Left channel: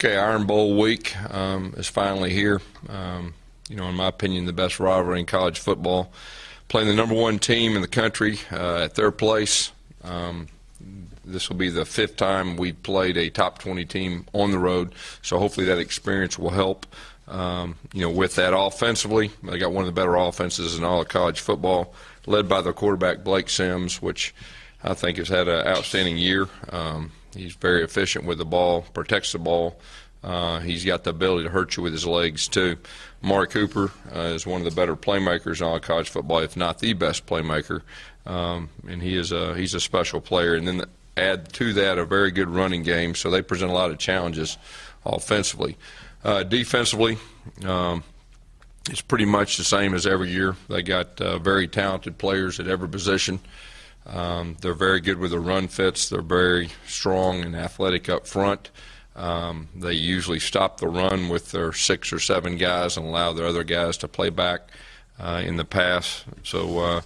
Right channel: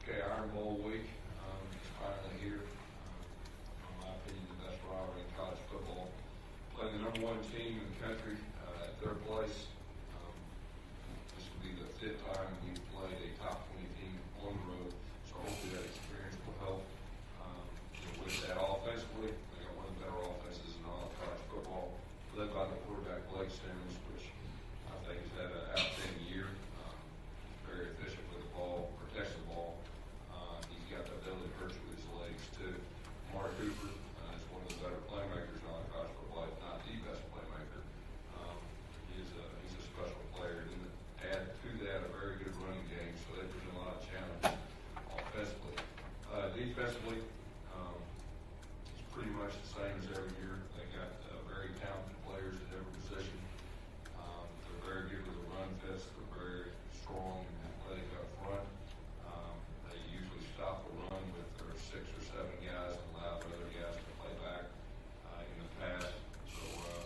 Okay, Iron Bowl week is finally here. In my opinion, the best rivalry in college football. Playing the #1 team in the country at their place. This will be the 5th time we've played a top 20 team on the road, so hopefully that experience will help. With that offensively, they got one of the better offenses in all of college football, led by the quarterback Blake Sims, which I think has had an outstanding year. He's very efficient with the ball, protects the ball. He's got the ability to hurt you with his legs, too. Amari Cooper is one of the better playmakers in all of college football, if not the best playmaker. And he's a special player. And then add to that a very good running game, so they present a lot of challenges offensively. Defensively, it's pretty much the same as every year. They got very talented players at every position. They're very good with the run fits. They're very strong and athletic up front. They usually stop the run with their 6 or 7 guys and allow their other guys to play back in the pass. So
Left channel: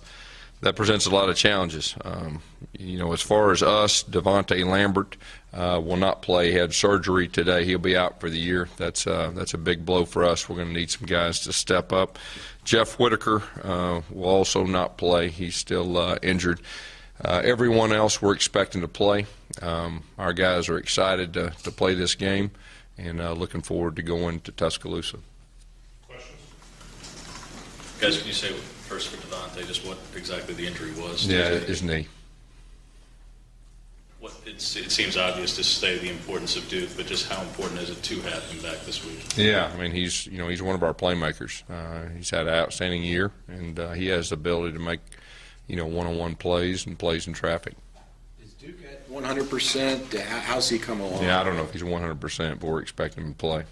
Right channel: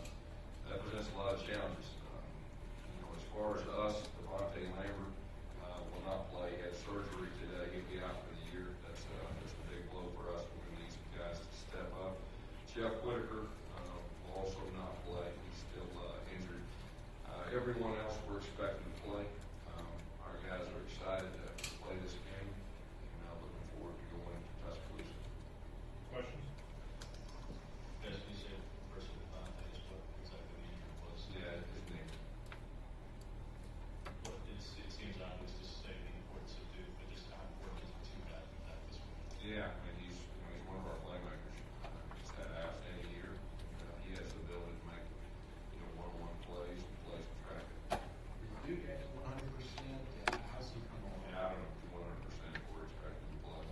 that presents a lot of challenges. As far as us, Devontae Lambert will not play. He had surgery today. He'll be out for the year. That's a big blow for us. We're going to need some guys to step up. Jeff Whitaker will also not play. He's still injured. Everyone else we're expecting to play. Our guys are excited to play this game and looking forward to going to Tuscaloosa. Questions? Guys, can you say first for Devontae just what exactly the injury was? Yeah, his knee. It seems obvious to say the importance of Duke, but just how important is it to have him back this week? Yeah, I mean he's one of our playmakers. He's had an outstanding year, and he has the ability to make one-on-one plays and plays in traffic. Is Duke at 100%? How's he come along? Yeah, I don't know if he's 100%, but we're expecting him to play.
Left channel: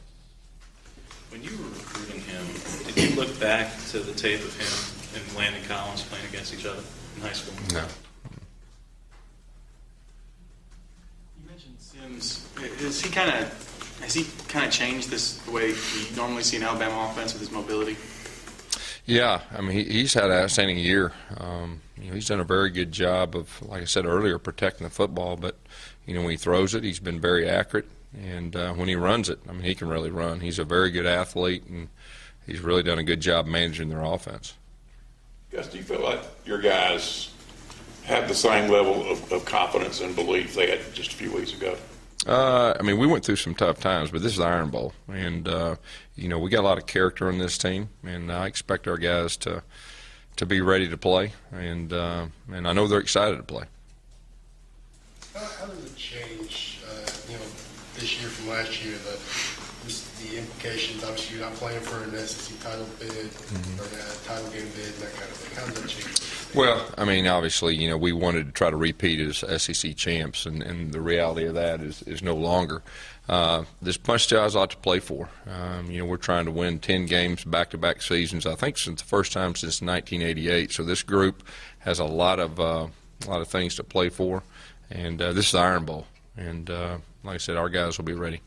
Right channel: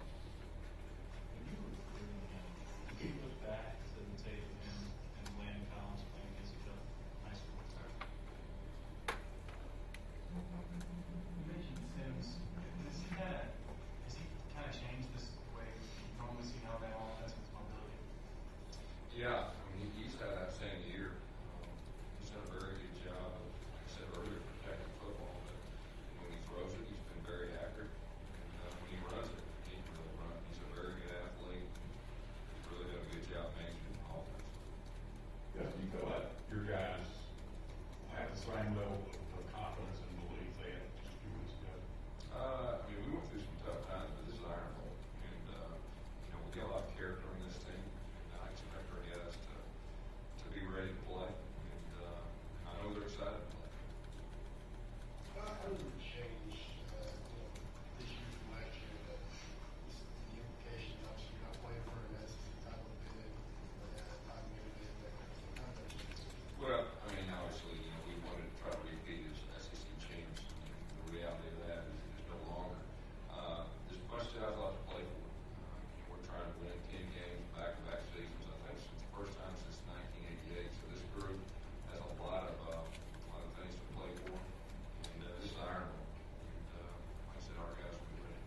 When you were recruiting him, did you look back to the tape of him and Landon Collins playing against each other in high school? No. You mentioned Sims. Has he kind of changed the way you normally see an Alabama offense with his mobility? Yeah, I mean he's had an outstanding year. He's done a very good job of, like I said earlier, protecting the football. But when he throws it, he's been very accurate, and when he runs it, I mean he can really run. He's a very good athlete, and he's really done a good job managing their offense. Gus, do you feel like your guys have the same level of confidence and belief they had just a few weeks ago? I mean, we went through some tough times, but this is the Iron Bowl, and we got a lot of character on this team, and I expect our guys to be ready to play, and I know they're excited to play. How does it change, this year from last year? The implications. Obviously, you're not playing for an SEC title bid or a title game bid, and that kind of thing. How does that change? Well, I mean, obviously, we wanted to try to repeat as SEC champs, and the reality of that is no longer. There's a bunch of guys a lot to play for. We're trying to win 10 games back-to-back seasons. I think since the first time since 1988. So this group has a lot of things to play for, and this is the Iron Bowl. And like I said, our guys will be ready.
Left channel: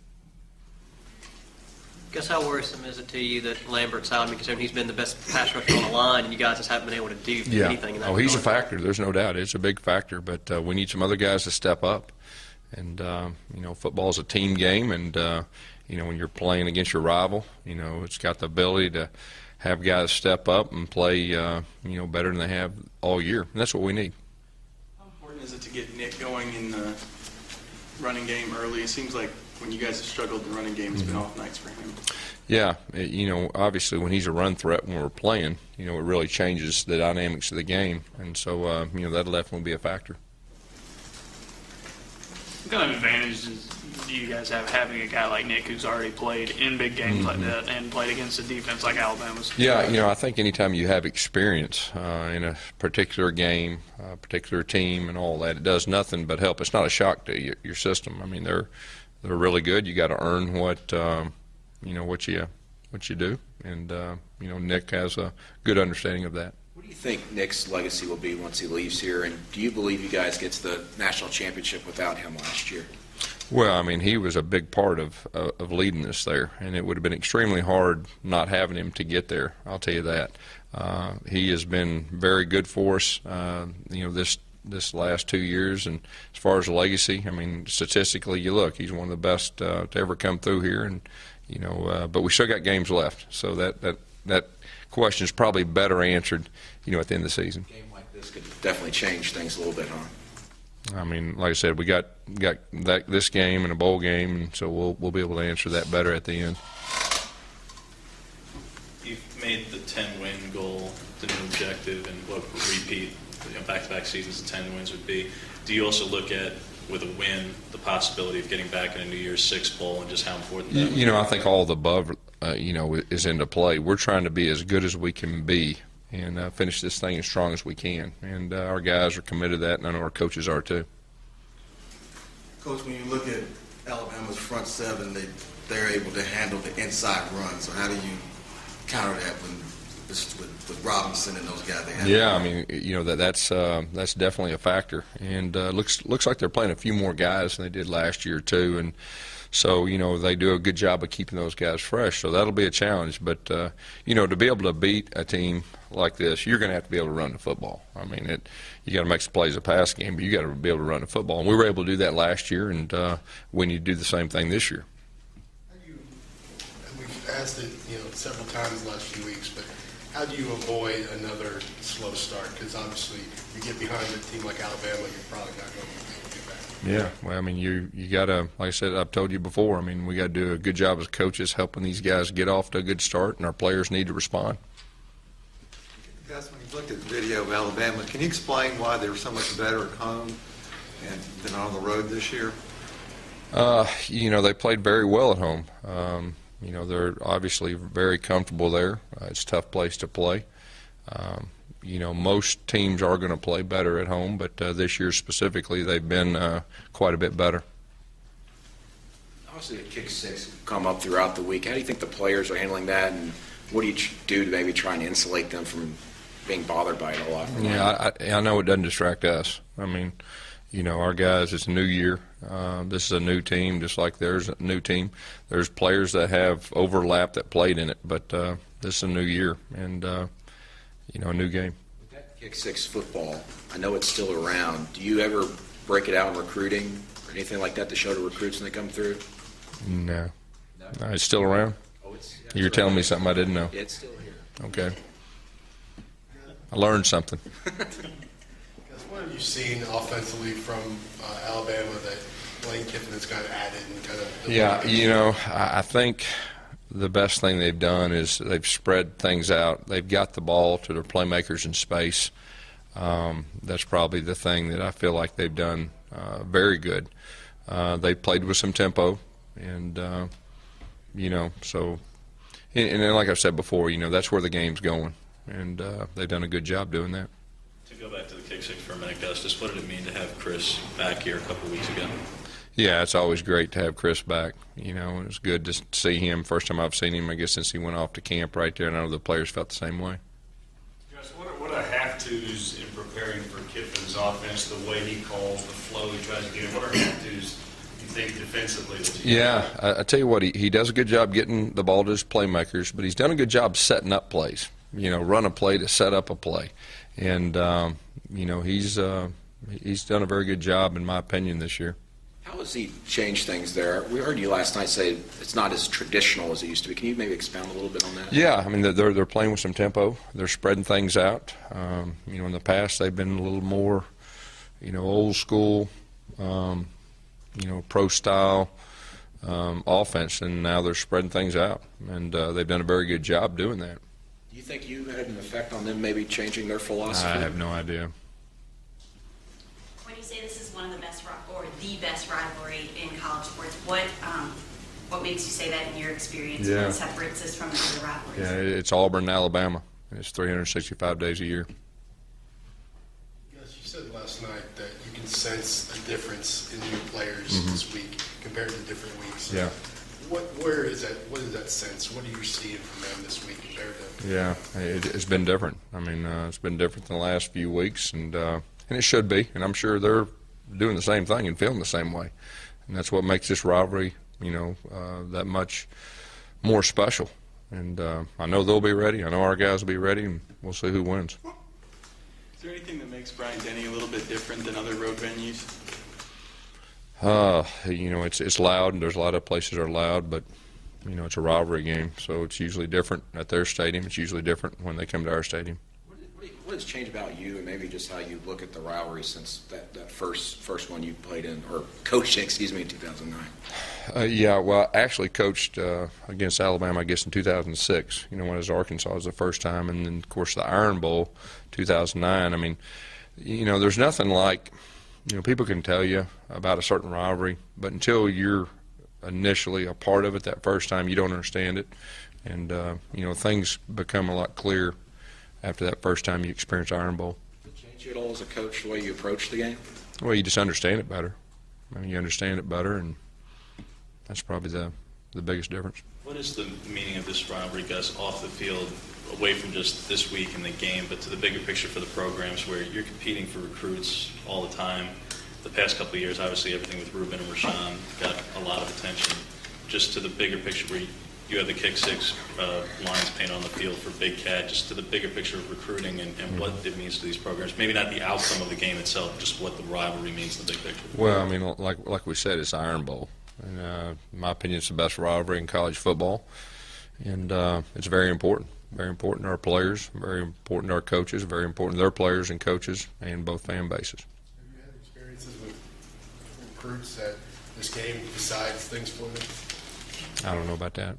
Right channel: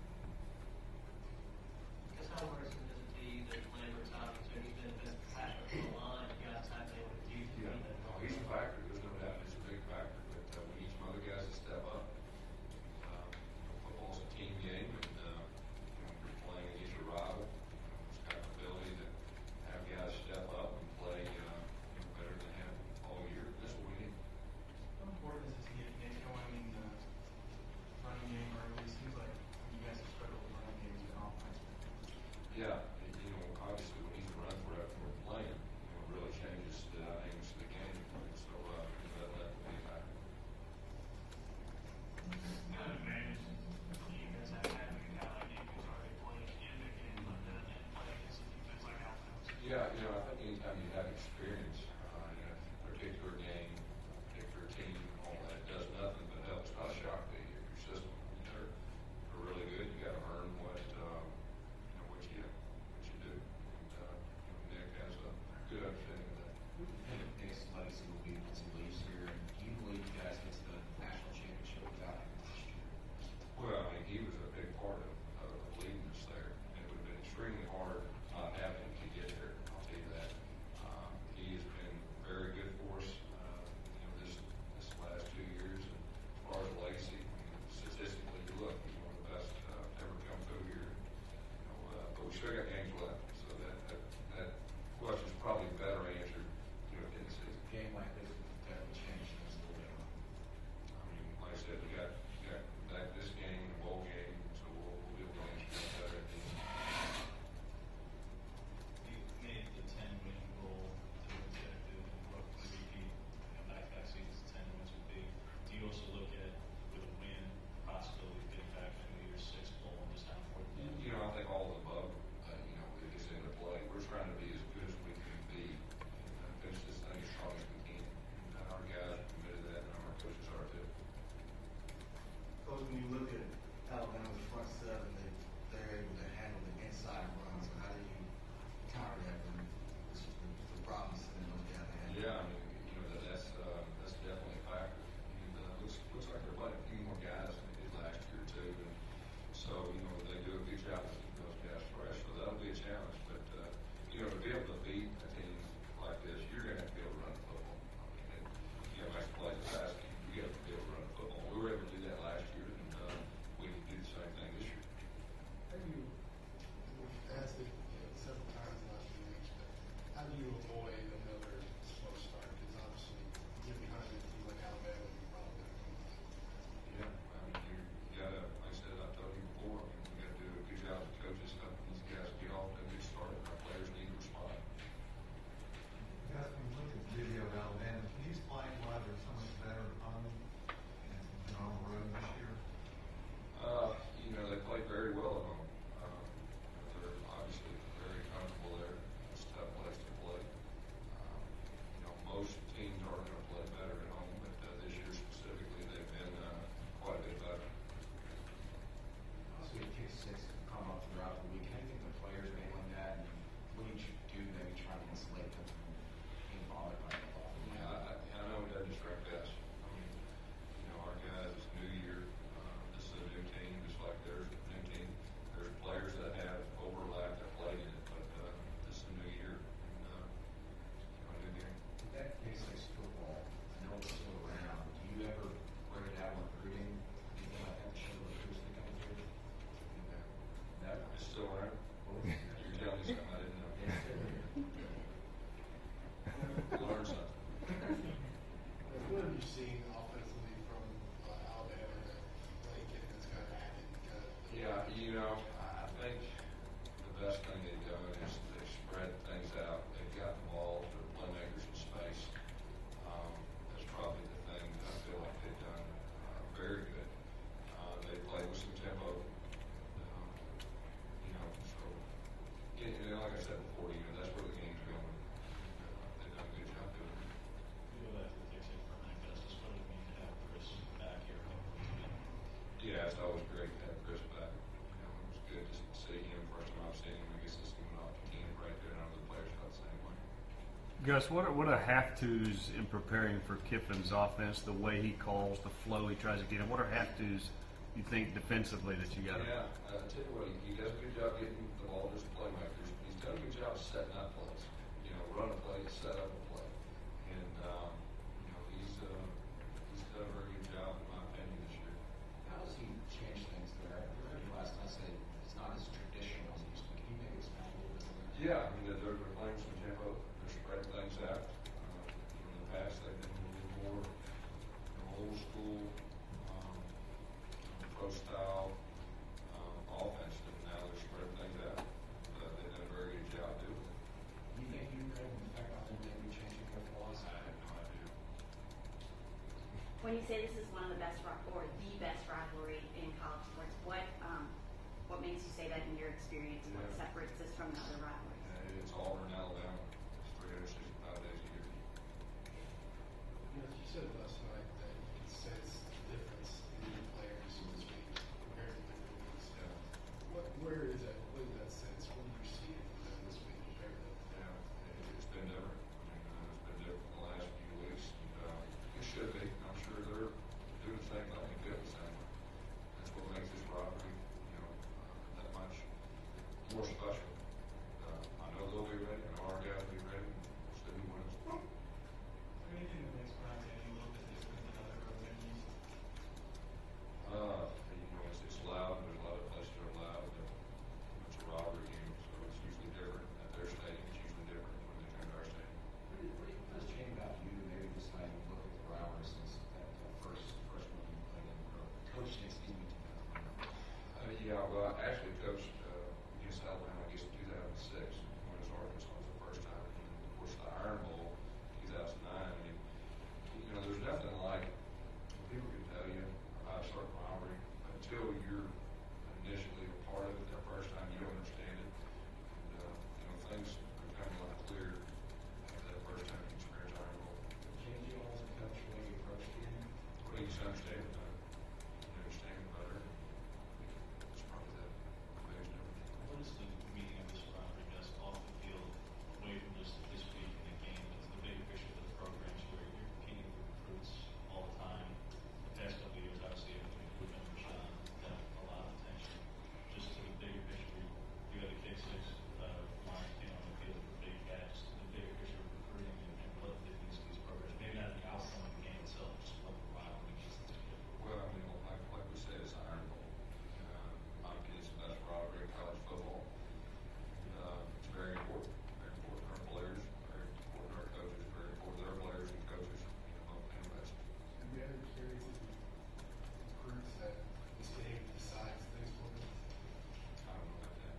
Guess how worrisome is it to you that Lambert's out, because he's been the best pass rusher on the line, and you guys just haven't been able to do anything in that regard? He's a factor. There's no doubt. It's a big factor, but we need some other guys to step up. And, football's a team game, and, when you're playing against your rival, it's got the ability to have guys step up and play, better than they have all year. And that's what we need. How important is it to get Nick going in the running game early? It seems like when you guys have struggled in the running game, it's been off nights for him. Yeah, obviously when he's a run threat when we're playing, it really changes the dynamics of the game. And so, that'll definitely be a factor. What kind of advantages do you guys have having a guy like Nick who's already played in big games like that and played against a defense like Alabama's? Yeah, I think anytime you have experience in a particular game, a particular team and all that, it does nothing but help. It's not a shock to your system. I mean, they're really good. You got to earn what you do, and Nick has a good understanding of that. What do you think Nick's legacy will be once he leaves here, and do you believe you guys get to the national championship without him last year? Well, I mean, he was a big part of leading us there, and it would have been extremely hard not having him to get there. I'll tell you that. He has been very good for us. This this last 2 years. And as far as legacy, I mean, statistically, you look, he's one of the best to ever come through here. And but we still got games left, so that question is probably better answered, at the end of the season. A game like this could definitely change things a little bit, huh? I mean, like I said, we got this game and a bowl game, and so we'll be able to answer that better at the end. You've made the 10-win goal the new objective, and what would repeat, back-to-back seasons of 10 wins would be. Do you also look at, with a win, the possibility of getting back in a New Year's Six bowl and just how important that would be? I think all of the above, is into play. We're trying to be as good as we can be and finish this thing as strong as we can. And our guys are committed to that, and I know our coaches are too. Coach, when you look at Alabama's front seven, they're able to handle the inside run. So how do you counter that with Robinson and those guys? Yeah, I mean, that's definitely a factor, and looks like they're playing a few more guys than they did last year too, and so they do a good job of keeping those guys fresh. So that'll be a challenge, but to be able to beat a team like this, you're going to have to be able to run the football. I mean, you got to make some plays a pass game, but you got to be able to run the football, and we were able to do that last year, and we need to do the same thing this year. We've asked it, several times the last few weeks, but how do you avoid another slow start? Because obviously, you get behind a team like Alabama, you're probably not going to be able to get back. Yeah, well, I mean, you got to, like I said, I've told you before, I mean, we got to do a good job as coaches helping these guys get off to a good start, and our players need to respond. Gus, when you looked at the video of Alabama, can you explain why they were so much better at home than on the road this year? They played very well at home. They're obviously very comfortable there. It's a tough place to play. Most teams are going to play better at home, but this year specifically, they've been quite a bit better. Obviously, the kick six come up throughout the week. How do you think the players are handling that, and what do you do to maybe try and insulate them from being bothered by it a lot? Yeah, I know it doesn't distract us. I mean, our guys, it's a new year. This is a new team, just like there's a new team. There's players that have overlap that played in it, but this is a new year and, a new game. Kick six football, I know it's still around. Do you ever break it out in recruiting or anything like that to show to recruits when they come through? No. It's still around? You're telling me something I didn't know. It's still here. Okay. I learned something. What have you seen offensively from Alabama that Lane Kiffin has kind of added and kind of? Yeah, I think the best thing they've done is they've spread things out. They've got the ball to their playmakers in space. That's probably the thing that I feel like they've done very good. They've played with some tempo, and so. And then, like I said before, that's where the game's going, and they've done a good job doing that. To go back to the kick six for a minute, Gus, just what did it mean to have Chris back here a couple of weeks ago? Yeah, it's always great to have Chris back. It was good to see him. First time I've seen him, I guess, since he went off to camp right there, and I know the players felt the same way. Gus, what are have-tos in preparing for Kiffin's offense, the way he calls, the flow he tries to get? What are have-tos you think defensively that you I tell you what, he does a good job getting the ball to his playmakers, but he's done a good job setting up plays. Run a play to set up a play. And, he's done a very good job, in my opinion, this year. How has he changed things there? We heard you last night say it's not as traditional as it used to be. Can you maybe expound a little bit on that? Yeah, I mean, they're playing with some tempo. They're spreading things out. In the past they've been a little more, old school, pro style offense, and now they're spreading things out, and they've done a very good job doing that. Do you think you had an effect on them maybe changing their philosophy? I have no idea. When you say this is one of the best or the best rivalry in college sports, what makes you say that in your experience? Yeah. What separates this from the other rivalries? Yeah, it's Auburn and Alabama. It's 365 days a year. Yes, you said last night that you can sense a difference in your players this week compared to different weeks. Yeah. Where is that? What is that sense? What are you seeing from them this week compared to? Yeah, it's been different. I mean, it's been different than the last few weeks, and it should be. And I'm sure they're doing the same thing and feeling the same way. And that's what makes this rivalry, that much more special. And I know they'll be ready. I know our guys will be ready, and we'll see who wins. there anything that makes Bryant-Denny a little bit different than other road venues? You know, it's loud, and there's a lot of places that are loud, but you know, it's a rivalry game, so it's usually different at their stadium. It's usually different when they come to our stadium. What has changed about you and maybe just how you look at the rivalry since that first one you played in, or coached in, excuse me, in 2009? Yeah, well, I actually coached against Alabama, I guess, in 2006, you know, when I was at Arkansas. It was the first time, and then, of course, the Iron Bowl, 2009. I mean, you know, there's nothing like, you know, people can tell you about a certain rivalry, but until you're initially a part of it that first time, you don't understand it. And, you know, things become a lot clearer after that first time you experience Iron Bowl. Did it change you at all as a coach, the way you approach the game? Well, you just understand it better. I mean, you understand it better, and that's probably the biggest difference. What is the meaning of this rivalry, Gus, off the field, away from just this week in the game, but to the bigger picture for the programs where you're competing for recruits all the time? The past couple of years, obviously, everything with Ruben and Rashawn got a lot of attention. Just to the bigger picture where you have the kick six lines painted on the field for Big Cat, just to the bigger picture of recruiting and what it means to these programs. Maybe not the outcome of the game itself, just what the rivalry means to the big picture. Well, I mean, like we said, it's Iron Bowl. And, in my opinion, it's the best rivalry in college football. And it's very important. Very important to our players, very important to our coaches, very important to their players and coaches and both fan bases. Have you had experiences with recruits that this game decides things for them? I don't know about that.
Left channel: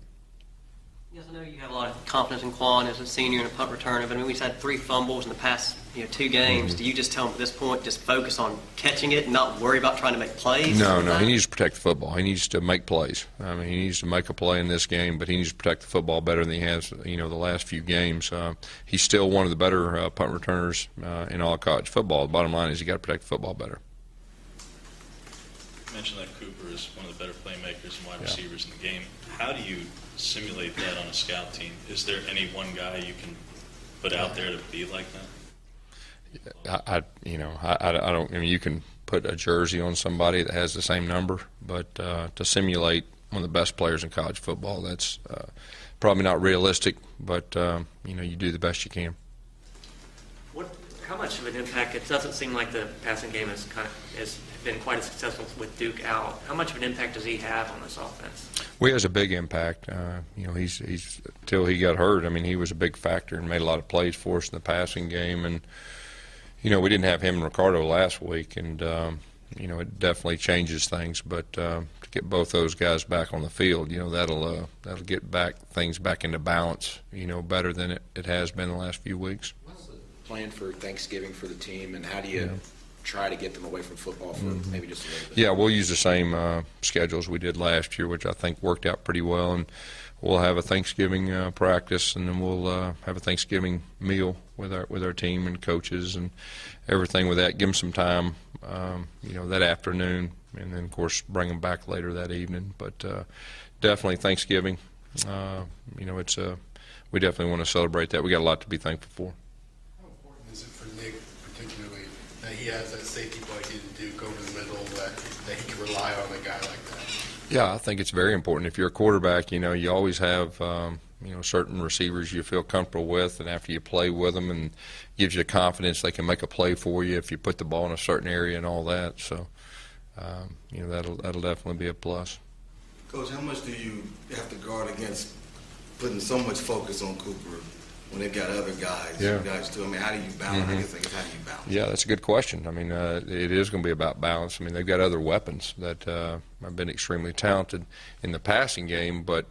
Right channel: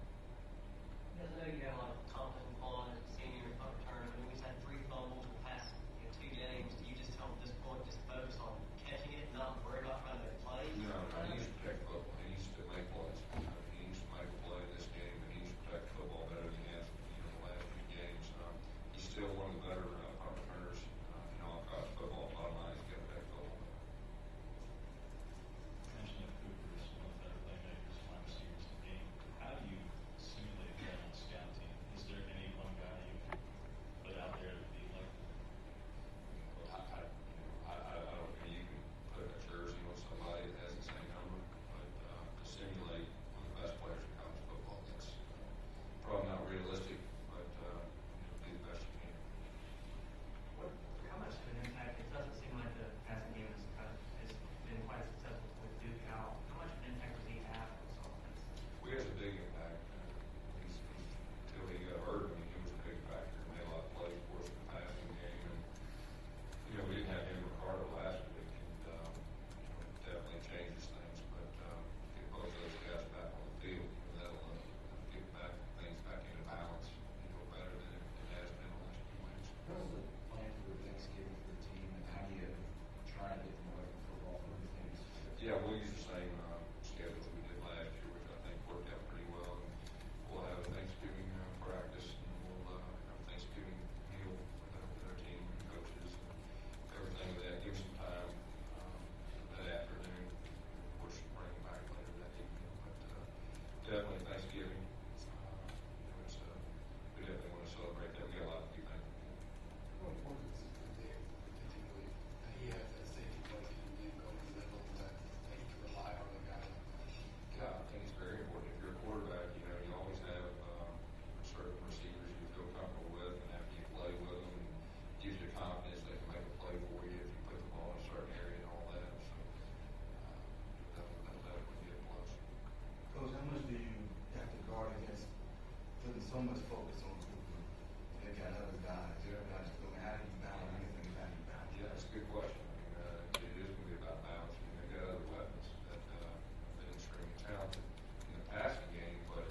Yes, I know you have a lot of confidence in Quan as a senior and a punt returner, but I mean, we've had 3 fumbles in the past 2 games. Do you just tell him at this point, just focus on catching it and not worry about trying to make plays? No, he needs to protect the football. He needs to make plays. I mean, he needs to make a play in this game, but he needs to protect the football better than he has, you know, the last few games. He's still one of the better punt returners in all college football. The bottom line is you got to protect the football better. You mentioned that Cooper is one of the better playmakers and wide receivers in the game. How do you simulate that on a scout team? Is there any one guy you can put out there to be like that? I don't. I mean, you can put a jersey on somebody that has the same number, but to simulate one of the best players in college football, that's probably not realistic. But you know, you do the best you can. How much of an impact? It doesn't seem like the passing game has been quite as successful with Duke out. How much of an impact does he have on this offense? Well, he has a big impact. You know, he's till he got hurt. I mean, he was a big factor and made a lot of plays for us in the passing game. And you know, we didn't have him and Ricardo last week, and you know, it definitely changes things. But to get both those guys back on the field, you know, that'll get things back into balance. You know, better than it has been the last few weeks. What's the plan for Thanksgiving for the team, and how do you try to get them away from football for maybe just a little bit? Yeah, we'll use the same schedule as we did last year, which I think worked out pretty well. And we'll have a Thanksgiving practice, and then we'll have a Thanksgiving meal with our team and coaches and everything with that. Give them some time, you know, that afternoon, and then of course bring them back later that evening. But definitely Thanksgiving. You know, we definitely want to celebrate that. We got a lot to be thankful for. How important is it for Nick, particularly, that he has that safety blanket to Duke over the middle, that he can rely on a guy like that? Yeah, I think it's very important. If you're a quarterback, you know, you always have, you know, certain receivers you feel comfortable with, and after you play with them, and gives you the confidence they can make a play for you if you put the ball in a certain area and all that. So, you know, that'll definitely be a plus. Coach, how much do you have to guard against putting so much focus on Cooper when they've got other guys? Yeah. Guys too. I mean, how do you balance? I guess how do you balance? Yeah, that's a good question. I mean, it is going to be about balance. I mean, they've got other weapons that have been extremely talented in the passing game, but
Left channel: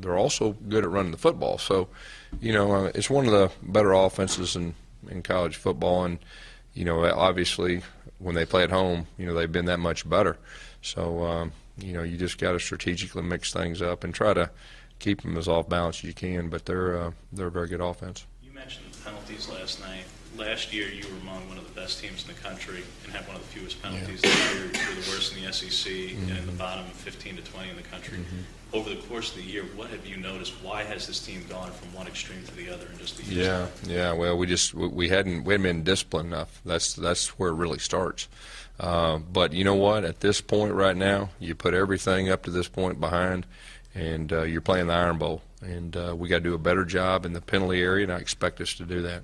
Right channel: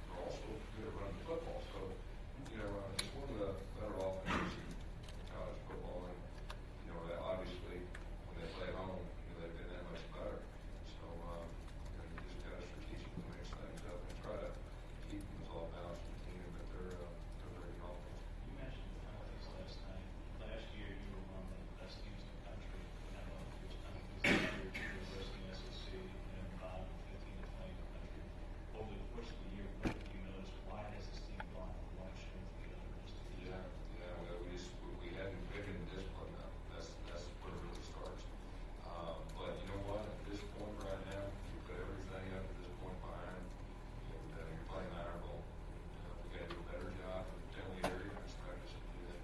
they're also good at running the football. So, you know, it's one of the better offenses in college football, and, you know, obviously when they play at home, you know, they've been that much better. So, you know, you just got to strategically mix things up and try to keep them as off balance as you can, but they're a very good offense. You mentioned the penalties last night. Last year, you were among one of the best teams in the country and had one of the fewest penalties. This year, you're the worst in the SEC and the bottom of 15 to 20 in the country. Over the course of the year, what have you noticed? Why has this team gone from one extreme to the other in just a year? Yeah. Well, we hadn't been disciplined enough. That's where it really starts. But you know what? At this point right now, you put everything up to this point behind, and you're playing the Iron Bowl, and we got to do a better job in the penalty area, and I expect us to do that.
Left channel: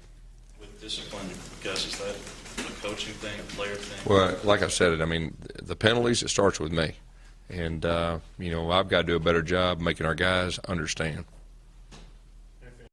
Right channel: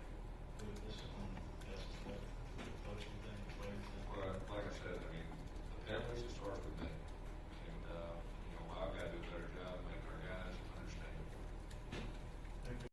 With discipline Gus, is that a coaching thing, a player thing? Well, like I said, I mean, the penalties, it starts with me. And, you know, I've got to do a better job making our guys understand.